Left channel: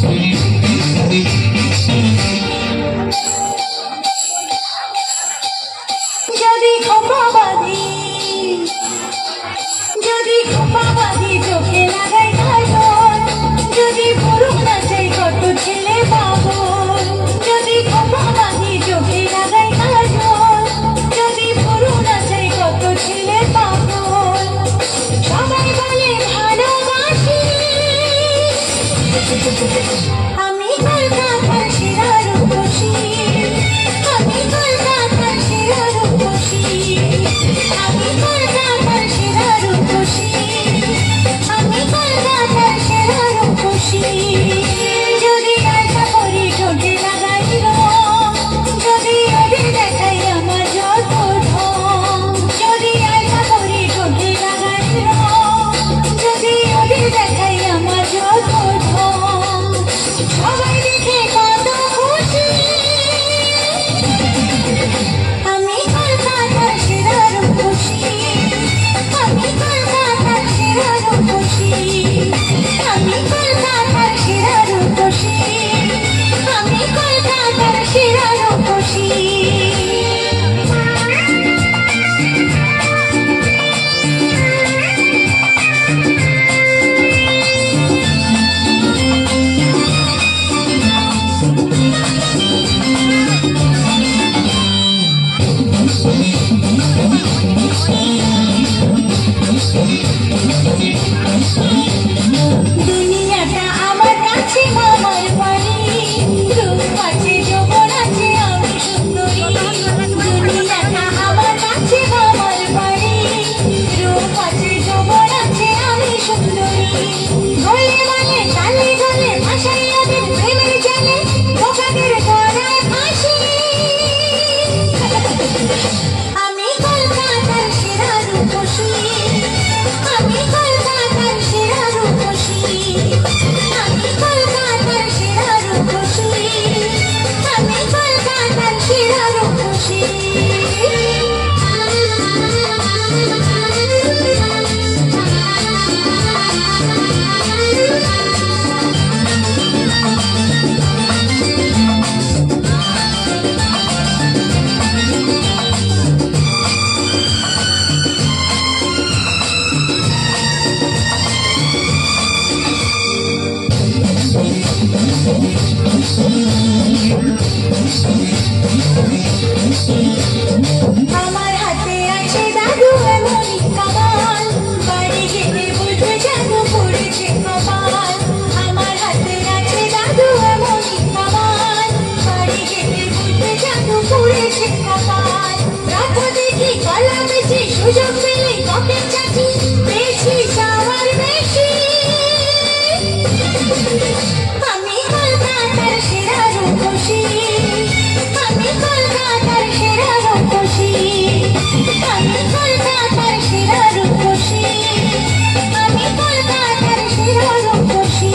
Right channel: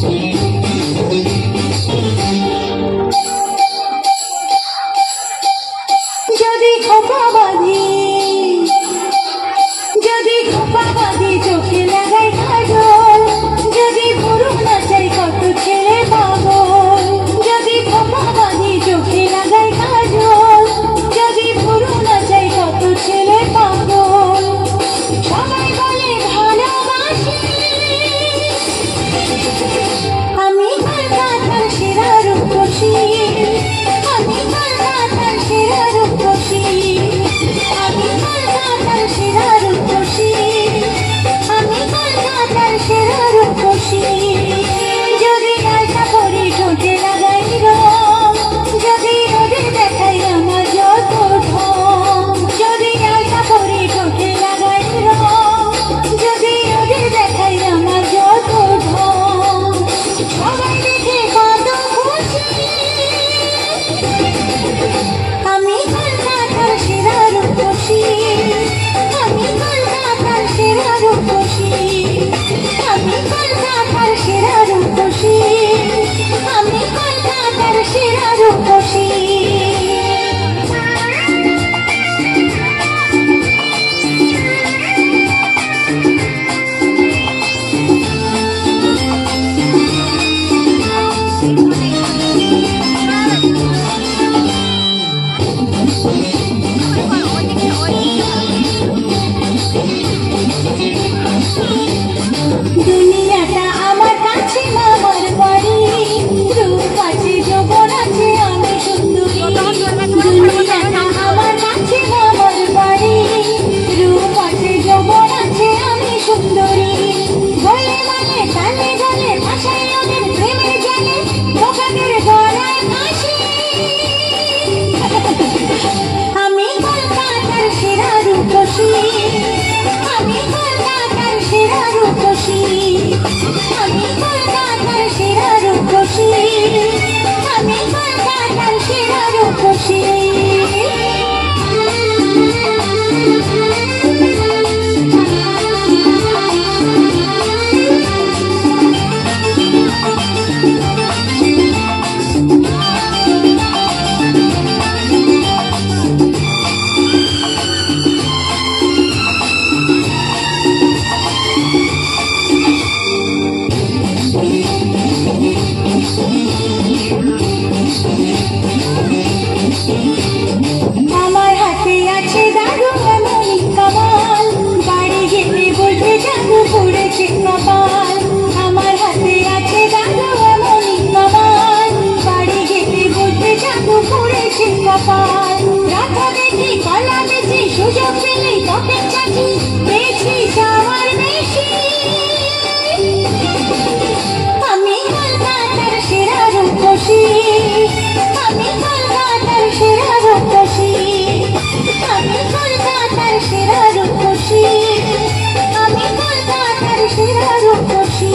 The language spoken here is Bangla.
যদি খোপা বাঁধি চোখে লাগাই কাজল, যদি পুরো নাচাই কত ছেলে পাগল। যদি খোপা বাঁধি চোখে লাগাই কাজল, যদি পুরো নাচাই কত ছেলে পাগল। সবাই বলে ভালোবাসি, আমি কলকাতার সেরা রূপসী, আমি কলকাতার সেরা রূপসী, আমি কলকাতার সেরা রূপসী, আমি কলকাতার সেরা রূপসী। যদি আশা করি ঠোঁটে লাগাই রং, যদি ওদের দেখাই আমার যত ঢং, যদি আশা করি ঠোঁটে লাগাই রং, যদি ওদের দেখাই আমার যত ঢং। সবাই দেখে কত খুশি, আমি কলকাতার সেরা রূপসী, আমি কলকাতার সেরা রূপসী, আমি কলকাতার সেরা রূপসী, আমি কলকাতার সেরা রূপসী। দুনিয়াটা আমার কাছে মামার বাড়ি, রূপ আছে যৌবন আছে আমি সুন্দরী। দুনিয়াটা আমার কাছে মামার বাড়ি, রূপ আছে যৌবন আছে আমি সুন্দরী। বলে মানে তালে গলে ভাষায় ওদের প্রেমের জানে, বোকাদের গলায় ফাঁসি। আমি কলকাতার সেরা রূপসী, আমি কলকাতার সেরা রূপসী, আমি কলকাতার সেরা রূপসী, আমি কলকাতার সেরা রূপসী। আমার হাতে আছে দাদু এমনই কামাল, বাড়ি যেতে বলবে জাদু পড়েছে কপাল। আমার হাতে আছে দাদু এমনই কামাল, বাড়ি যেতে বলবে জাদু পড়েছে কপাল। রাধা দেখি কলা বেশি, সুযোগ পেলে পকেট চাচি, বেশি যাওয়ার বেশি। আমি কলকাতার সেরা রূপসী, আমি কলকাতার সেরা রূপসী, আমি কলকাতার সেরা রূপসী, আমি কলকাতার সেরা রূপসী।